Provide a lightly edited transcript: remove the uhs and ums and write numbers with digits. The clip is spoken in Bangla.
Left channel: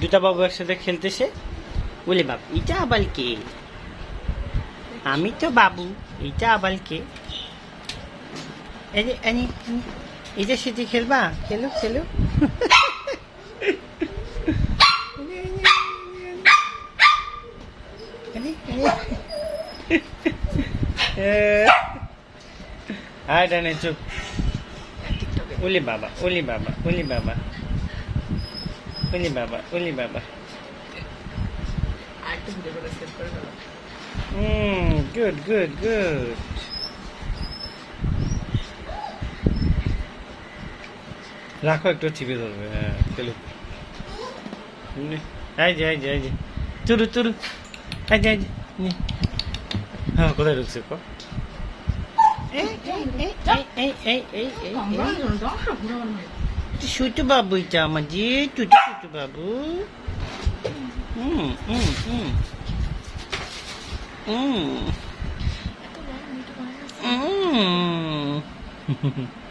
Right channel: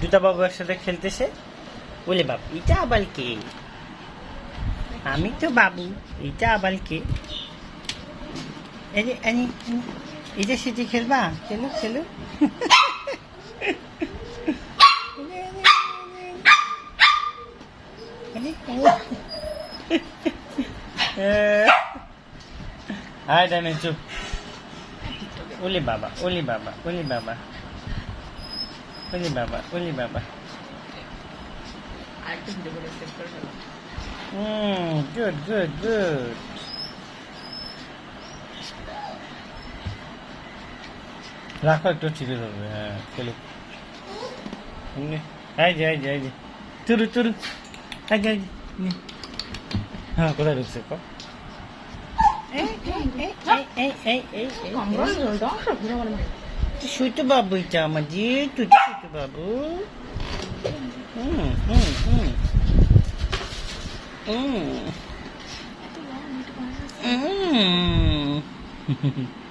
দুটা বাবু একসাথে খেলতেছে। বলে বাবু এটা আবার কে? আমি তো বাবু, এটা আবার কে? এটা সেটি খেলবা? খেলো খেলো। আয় ডানে চুপ। ওলি বাবা, ওলি বাবা, ওলি বাবা, ওলি বাবা, ওলি বাবা। Good good good. রাখো, একটু চিপে ধরবে। হ্যাঁ খেলুক। এই যে এই যে এই যে চুরু চুরু। এই যে এই যে হ্যাঁ, কোথায় ঢুকছে কো? ছোট বাবু, এটা আমার যে ছোট ছোট বাবু। হুম হুম হুম হুম হুম